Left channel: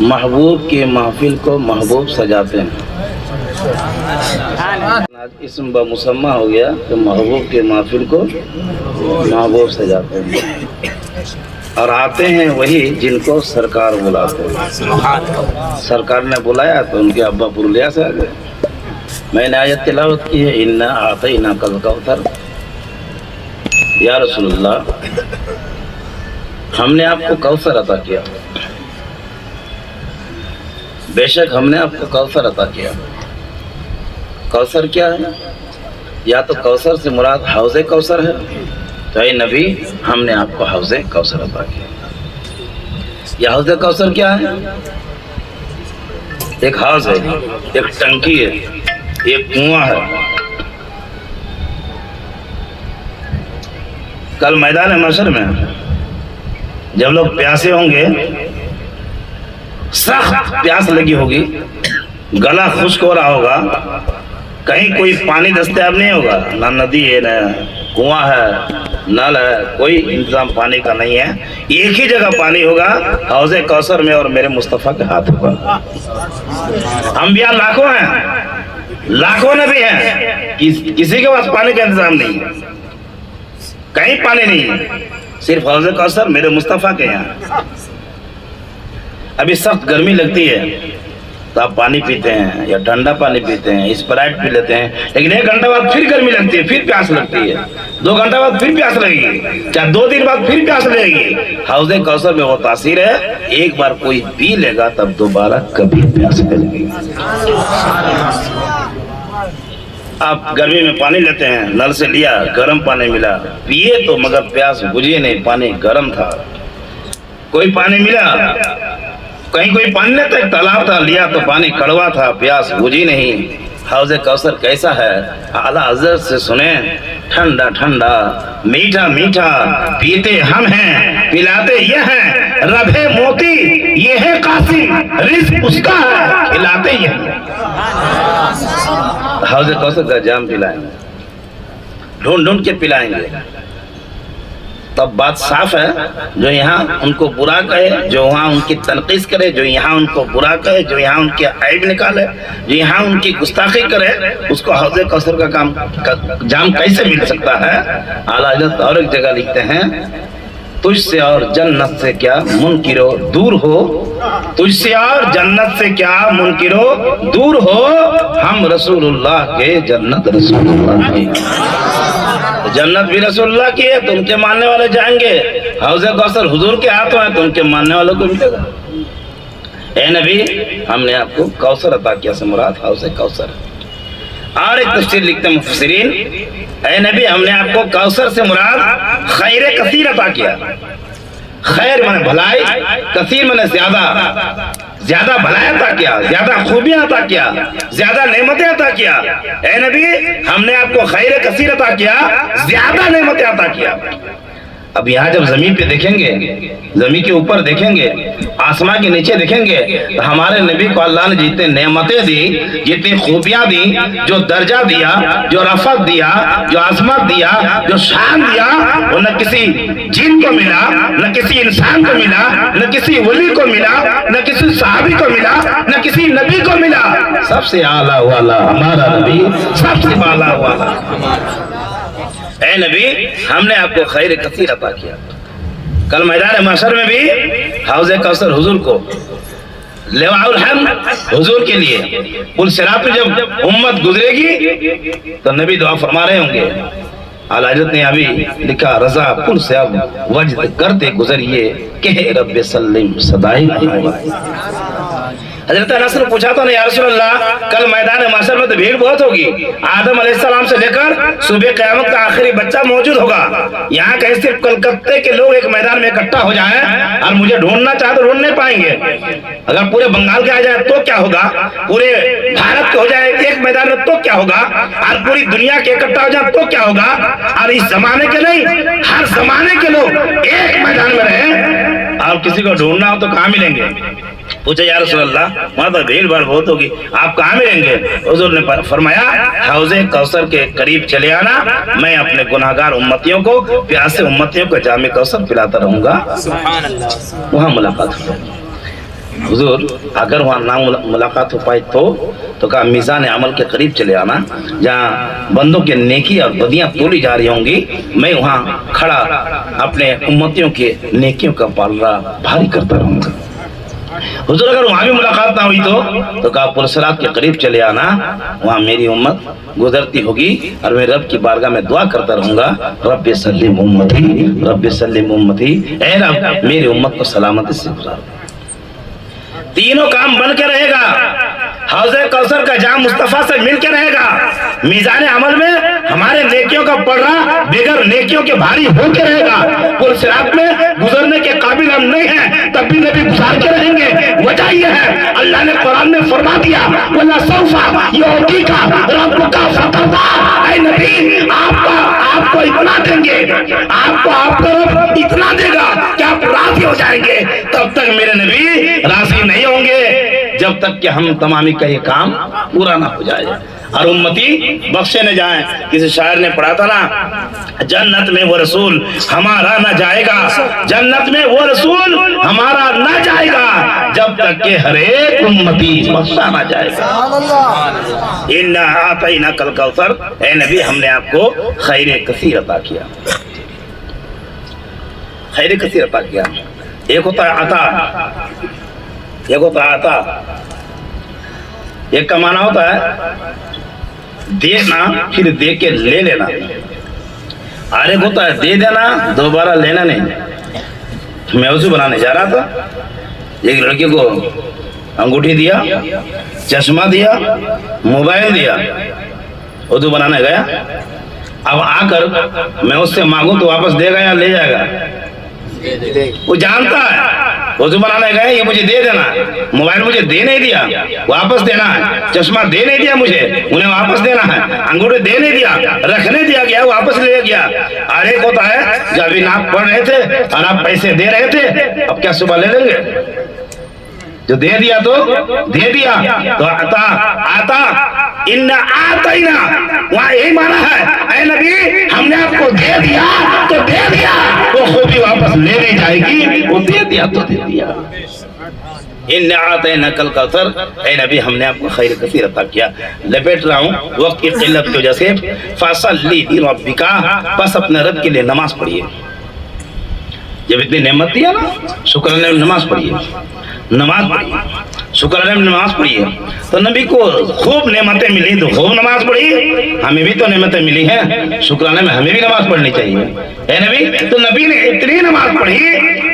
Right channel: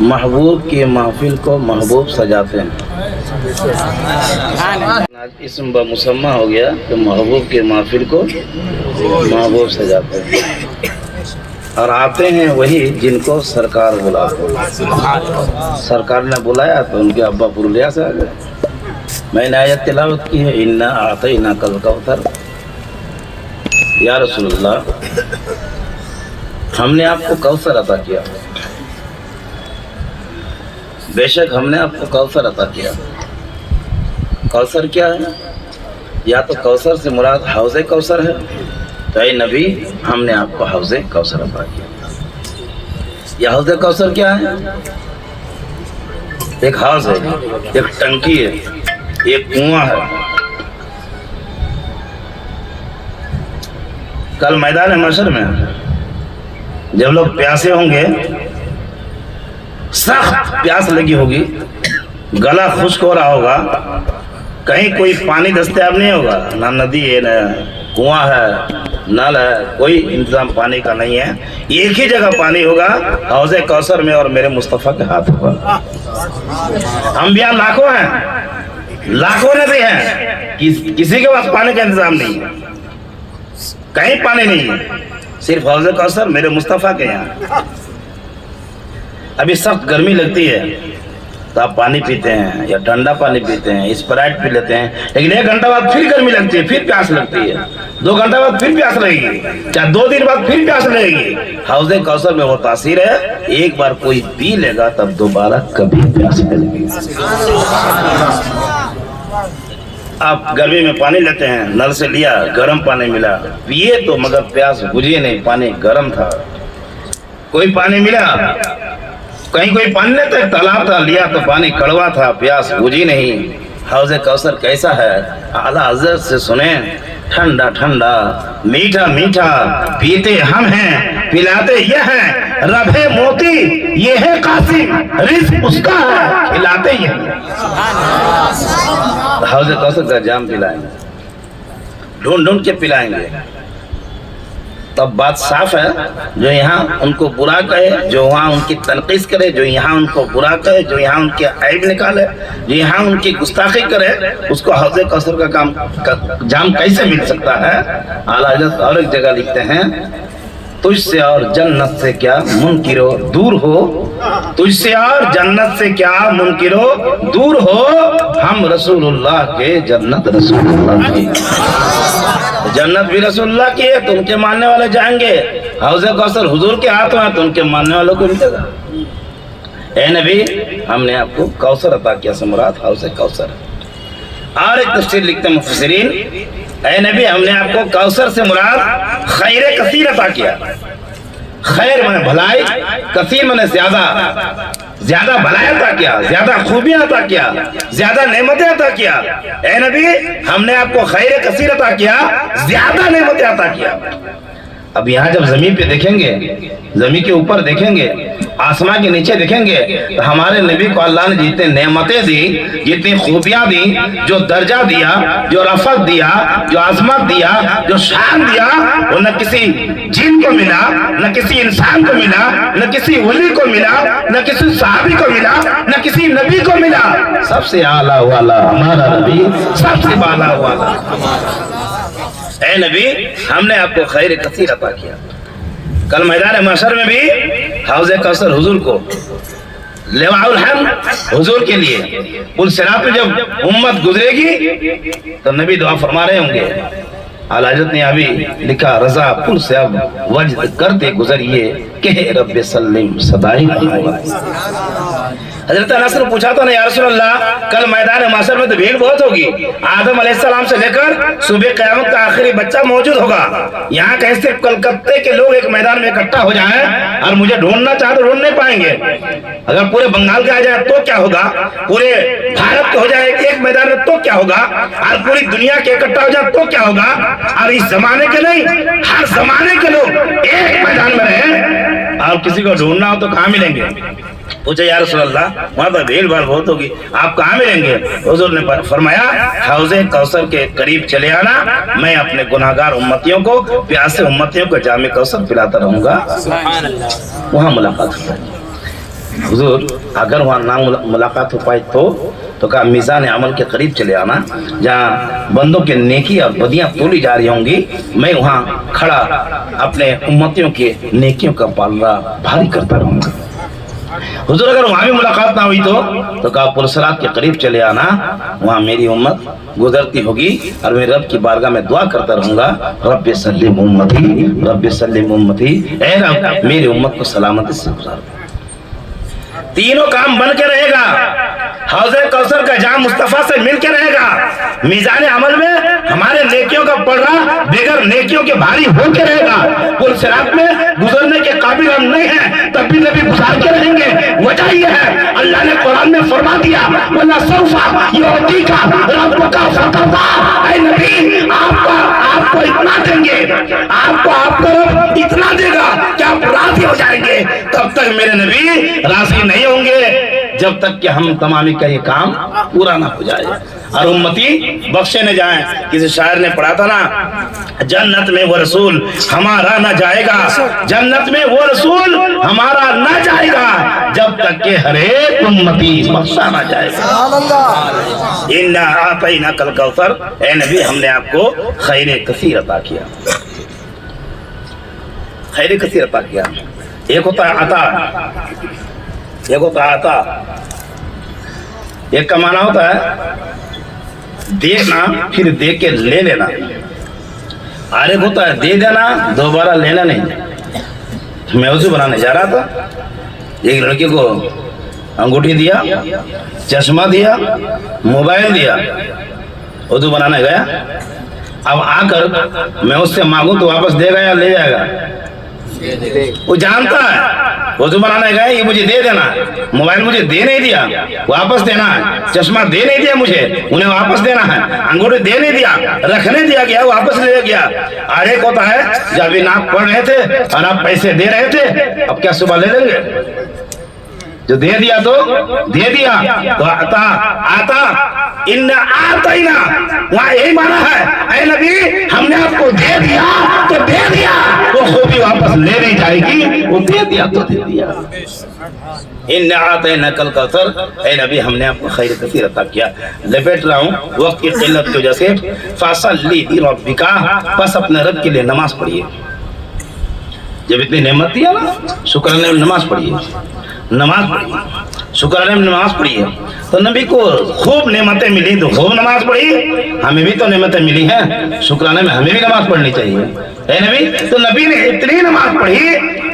محبوب کی محفل کو محبوب سجاتے ہیں. آج اسم بمسمہ ہو گیا تو محبوب کی محفل کو محبوب سجاتے ہیں اور آتے ہیں وہی جن کو سرکار بلاتے ہیں. سرکار نے بلایا تو ان کے ابا پرولیا سے آ گئے. میں نے آیت تلاوت کی ہے انا اعطیناک الکوثر. یا رسول اللہ ہم نے آپ کو کوثر عطا کیا. بے شک ہم نے آپ کو کوثر عطا کیا. کوثر کیا ہے؟ یا تو کوثر سے مراد حوض کوثر ہے تو اے نبی ہم نے آپ کو حوض کوثر عطا کیا. یہ حوض کوثر کیا ہے؟ ایک حوض ہے, ایک ٹنکی ہے, ایک کنواں ہے. کل میدان محشر میں جب لوگ پیاسے ہوں گے, سخت پیاس لگی ہوگی, گلا خشک ہو رہا ہوگا, کہیں کوئی پانی دستیاب نہیں ہوگا, نہ ندی ہے نہ کنواں ہے نل ہے, کوئی انتظام پانی کا نہیں ہے. ایک ہی جگہ پانی ہوگا حوض کوثر میں اور میرے مصطفیٰ کے ہاتھ ہوگا. انبیاء لاکھوں ہیں, لاکھوں نبی ہیں, کسی کے پاس پانی کا انتظام نہیں ہے, کہیں پانی نہیں ہے, صرف حوض کوثر میرے مصطفیٰ کے یہاں. ابھی سخت گرمی لگتی ہے تو آپ پانی پیتے ہیں یا ٹھنڈا پانی پیتے ہیں, اسپرائٹ پی لیتے ہیں, لیکن 1 گھنٹہ بعد پھر گرمی لگتی ہے, پھر پیاس لگتی ہے, 2 گھنٹہ بعد پھر پیاس لگے گی, کیا 2 دن بعد پھر پیاس لگے گی. حوض کوثر میں وہ تاثیر ہے, ایک بار کوئی پی لے گا تب دوبارہ کبھی پیاس نہیں لگے گی. آپ گرمی میں پانی لیتے ہیں, نل سے لیا, گرم پانی ملا, پیے تو مگر پیاس بجھی نہیں, پانی گرم تھا. کوئی پانی ملا, کہیں کوئی پانی لیتا ہے, تالاب تھا, لیا تو پانی کڑوا تھا, پیاس بجھی نہیں. حوض کوثر کیسا ہے؟ اعلیٰ حضرت سے سنیں, ٹھنڈا ٹھنڈا, میٹھا میٹھا, پیتے ہم ہیں, پلاتے یہ ہیں, رب ہے موتی یہ ہے قاسم, رزق اس کا ہے, کھلاتے یہ ہیں. حوض کوثر کا جام پلائیں گے, ڈھونڈ ڈھونڈ کے پلائیں گے, تب بات صاف ہے. جو یہاں ان کو برا کہے, جو وہاں ان کی تنقیص کرے, جو یہاں ان کو برا کہے, جو یہاں ان کے عیب نکالے, جو یہاں ان کی گستاخی کرے, اس کو حوض کوثر کا جام کیسے مل سکتا ہے؟ اعلیٰ حضرت اور ایک جگہ لکھتے ہیں, تجھ سے اور جنت سے کیا منکرو دور ہو, تجھ سے اور جنت سے کیا منکرو دور ہو, ہم رسول اللہ کے, جنت رسول اللہ کی. جنت بھی رسول اللہ کی ہے تو ان کے ماننے والے جائیں گے, حوض کوثر حضور کے ہاتھوں ہے تو ان کے ماننے والوں کو ملے گا. اے نبی ہم نے آپ کو کوثر عطا کیا سے مراد حوض کوثر. اور ایک تفسیر لکھتے ہیں مفسرین, اے نبی ہم نے آپ کو کوثر سے مراد خیر کثیر عطا کیا. خیر مانے بھلائی, کثیر مانے زیادہ بھلائی عطا کیا, زیادہ خوبیاں عطا کیا, زیادہ نعمتیں عطا کیا. اے نبی ہم نے آپ کو خیر کثیر عطا کیا, زیادہ نعمتیں عطا کیا. اب یہاں جب زمین پہ دیکھیں گے, زمین کے اوپر دیکھیں گے, آسمان کے نیچے دیکھیں گے, تو ہمارے نبی کو اللہ نے جتنے نعمتیں دی, جتنی خوبیاں دی, جو درجہ دیا, جو رفعت دیا, جو عظمت دیا, جو شان دیا, وہ نہ کسی جن کو ملا, نہ کسی انسان کو ملا, نہ کسی ولی کو ملا, نہ کسی صحابی کو ملا, نہ کسی نبی کو ملا. سب سے اعلیٰ والا ہمارا نبی, سب سے اعلیٰ والا. اے نبی ہم نے آپ کو خیر کثیر عطا کیا. کل میدان محشر میں بھی حوض کوثر حضور کو, لواء الحمد حضور کے لیے, پل صراط پہ جب امت گزرے گی تو نبی دعا فرما رہے ہوں گے. اعلیٰ حضرت نے ابھی لکھا, رضا پل سے اب وجد کرتے گزریے, کہ رب سلم صدائی. حضرت انس نے پوچھا تو نہیں یا رسول اللہ کل میدان محشر میں تو بھیڑ بہت ہوگی, آدم علیہ السلام سے لے کر صبح قیامت کا آخری بچہ موجود ہوگا, یہاں کہیں صرف کلکتے کے لوگ ایک میدان میں اکٹھا ہو جائیں اور مجھے ڈھونڈنا چاہے تو ڈھونڈ نہیں پائیں گے. اگر پورے بنگال کے آ جائے تو کیا ہوگا, پورے بھارت کے ہو جائے ایک میدان میں تو کیا ہوگا, اور پوری دنیا کے اکٹھا ہو جائے تو کیا ہوگا, اور اس زمانے کے نہیں ہر زمانے کے لوگ ایک میدان میں رہیں اور کسی کو ڈھونڈنا ہو تو کہاں ملیں گے؟ پوچھا یا رسول اللہ وہاں تو بھیڑ بھاڑ بہت ہوگی, آپ کہاں ملیں گے؟ حضور نے فرمایا حوض کوثر کے قریب چلے آنا, میں اپنے گناہگار امتیوں کو, پیاسے امتیوں کو جام کوثر پلاتا رہوں گا, وہاں ملاقات ہوگی. हुजूर अगर वहाँ ना मुलाकात हो पाई तो कहा मीज़ान अमल के करीब चले आना, जहाँ बंदों के नेकी और बदियाँ तोली जा रही होंगी, मैं वहाँ खड़ा अपने उम्मतियों के नेकियों का पालना भारी करता रहूँगा। हुजूर अगर वहाँ भी मुलाकात ना हुई तो कहा पुरसरात के करीब चले आना, वहाँ मेरी उम्मत गुजरती होगी और मैं रब की बारगाह में दुआ करता रहूंगा, रब्बि सल्लिम उम्मती, रब्बि सल्लिम उम्मती, ऐ रब मेरी उम्मत को सलामती से गुजार। तीनों काम बन के रहेगा, हौज़े कौसर का जाम मुस्तफा से मिल के रहेगा, मीज़ान अमल में हमारे नेकियों का पलड़ा बेगर नेकियों के भारी हो के रहेगा, पुरसरात में गुजरने के काबिल हम नहीं हैं तब भी नबी गुजार के रहेंगे। वजह यह है अल्लाह ने कुरान में फरमा दिया, वला सौफा युअतीका रब्बुका फतरदा, ऐ नबी आपको इतना देंगे, आपको आपका रब इतना देगा कि आप राजी हो जाएंगे। तब तक मेरे नबी राजी नहीं होंगे जब तक कि हम तमामी का ये काम पूरा ना हो जाए और उम्मती बख्शे न जाए। किसी शायर ने पढ़ा था ना, जन्नत में वो रसूल हमारा न जाएगा, जन्नत में वो रसूल हमारा न जाएगा जब तक के हर एक उम्मती बख्शा ना जाएगा। इन्ना आतैना कल कौसर, ऐ नबी हमने आपको खैर कसीर अता किया, खैर कसीर अता किया। एक होता है अता, एक होता है अता, एक का माना होता है देना फिर दे के ले लेना, और एक होता है दे देना दोबारा लेना नहीं। मैं वजू बनाने जा रहा था, एक लड़के को अंगूठी दिया, चश्मा दिया, मोबाइल दिया, वजू बनाने गया। अब आकर मैं उससे मांगू तो वापस देगा या ले जाएगा? वो जानता है वजू बनाने गए, ये मुझे दे देना, मोबाइल मुझे दे नहीं दिया वापस देना है, चश्मा दे नहीं दिया मुझे उन्हें वापस देना है, अंगूठी दे नहीं दिया रखने दिया गया वापस ले गया। अरे होता है जब अभी नाप पढ़ रहे थे और आप पैसे दे रहे थे, अब क्या सुबह ले लेंगे? जो दे दिया तो दे दिया, तो आता आता इन्ना आतैना, वहाँ यही माना है, ऐ नबी हमने आपको दे दिया तो दे दिया, वो खूबी वापस ले नहीं जाएगी, वो दे दिया तो दे दिया। इन्ना आतैना कल कौसर, ऐ नबी हमने आपको खैर कसीर अता किया। लपेट रहा हूँ वक्त की किल्लत की वजह से, फसल्ली लिरब्बिका, बस अपने रब के लिए नमाज पढ़िए। जब इतनी नेमत दिया ना, शुक्राना नमाज पढ़िए, नमाज पढ़िए, शुक्राना नमाज पढ़िए। तो नबी को खूब नेमतें मिली तो खूब नमाज पढ़ी, हमें भी तो नेमतें मिली हैं, शुक्राना में हमें भी नमाज पढ़नी चाहिए। है नबी, तो नबी ने इतनी नमाज पढ़ी,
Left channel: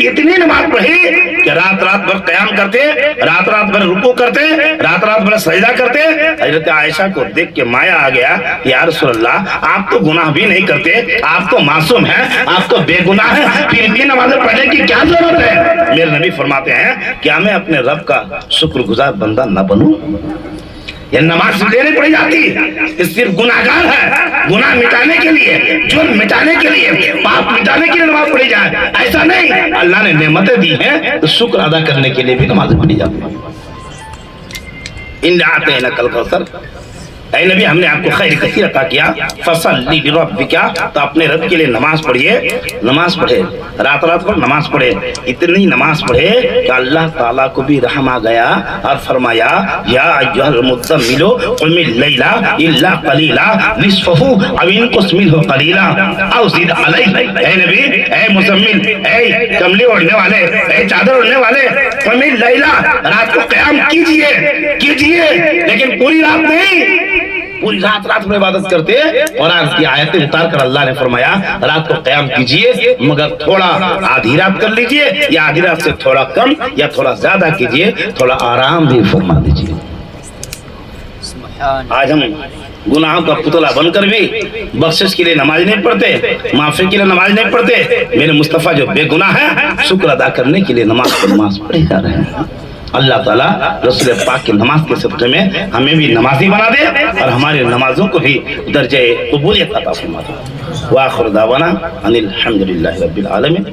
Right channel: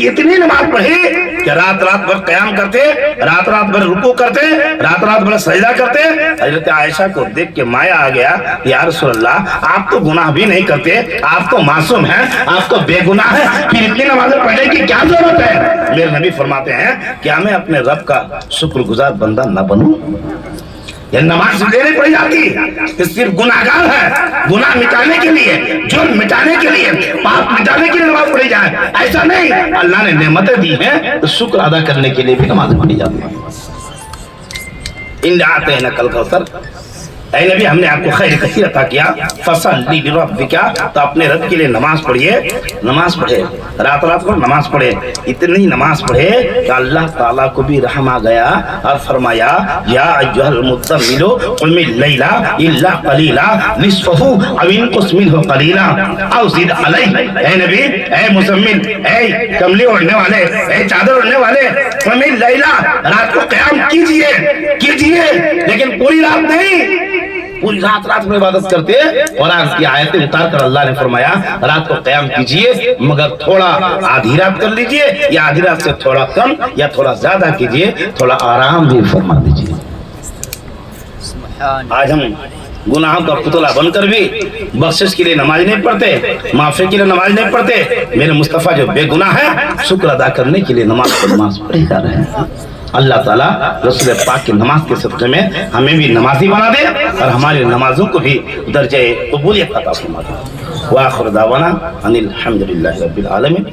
इतनी नमाज पढ़ी कि रात रात भर क़याम करते, रात रात भर रुकू करते, रात रात भर सजदा करते। हजरत आयशा को देख के माया आ गया, या रसूल अल्लाह आप तो गुनाह भी नहीं करते, आप तो मासूम हैं, आप तो बेगुनाह हैं, फिर इतनी नमाज़ें पढ़ने की क्या जरूरत है? मेरे नबी फरमाते हैं क्या मैं अपने रब का शुक्रगुजार बंदा न बनूं? ये नमाज इसलिए नहीं पढ़ी जाती, ये सिर्फ गुनाहगार है, गुनाह मिटाने के लिए, जुर्म मिटाने के लिए, पाप मिटाने के लिए नमाज पढ़ी जाए, ऐसा नहीं। अल्लाह ने नेमतें दी हैं तो शुक्र अदा करने के लिए भी नमाज पढ़ी जाती है। इन्ना आतैना कल कौसर, ऐ नबी हमने आपको खैर कसीर अता किया, फसल्ली लिरब्बिका, तो अपने रब के लिए नमाज पढ़िए, नमाज पढ़े, रात रात को नमाज पढ़े, इतनी नमाज पढ़े कि अल्लाह ताला को भी रहम आ गया और फरमाया या अय्युहल मुज़्ज़म्मिलु क़ुमिल लैला इल्ला क़लीला निस्फ़हु अव इनक़ुस मिन्हु क़लीला अव ज़िद अलैहि। ऐ नबी, ऐ मुज़म्मिल, ऐ कमली ओढ़ने वाले, ऐ चादर ओढ़ने वाले, क़ुमिल लैला, रात को क़याम कीजिए, कीजिए, लेकिन पूरी रात नहीं, पूरी रात रात में इबादत करते। और आज की आयतें उतार कर अल्लाह ने फरमाया रात को क़याम कीजिए, मगर थोड़ा आधी रात कर लीजिए, या आधी रात से थोड़ा कम या थोड़ा ज्यादा कीजिए, थोड़ा आराम भी फरमा दीजिए। आज हम गुनाहों का पुतला बनकर भी बख्शिश के लिए नमाज नहीं पढ़ते, माफी के लिए नमाज नहीं पढ़ते। मेरे मुस्तफा जो बेगुनाह है, शुक्र अदा करने के लिए नमाज पढ़े जा रहे हैं। अल्लाह ताला रसूल पाक की नमाज के सदक़े में हमें भी नमाजी बना दे और हमारे नमाजों को भी दर्जे कबूलियत अता फरमा दे। व आखिर दावाना अनिल हम्दुलिल्लाहि रब्बिल आलमीन।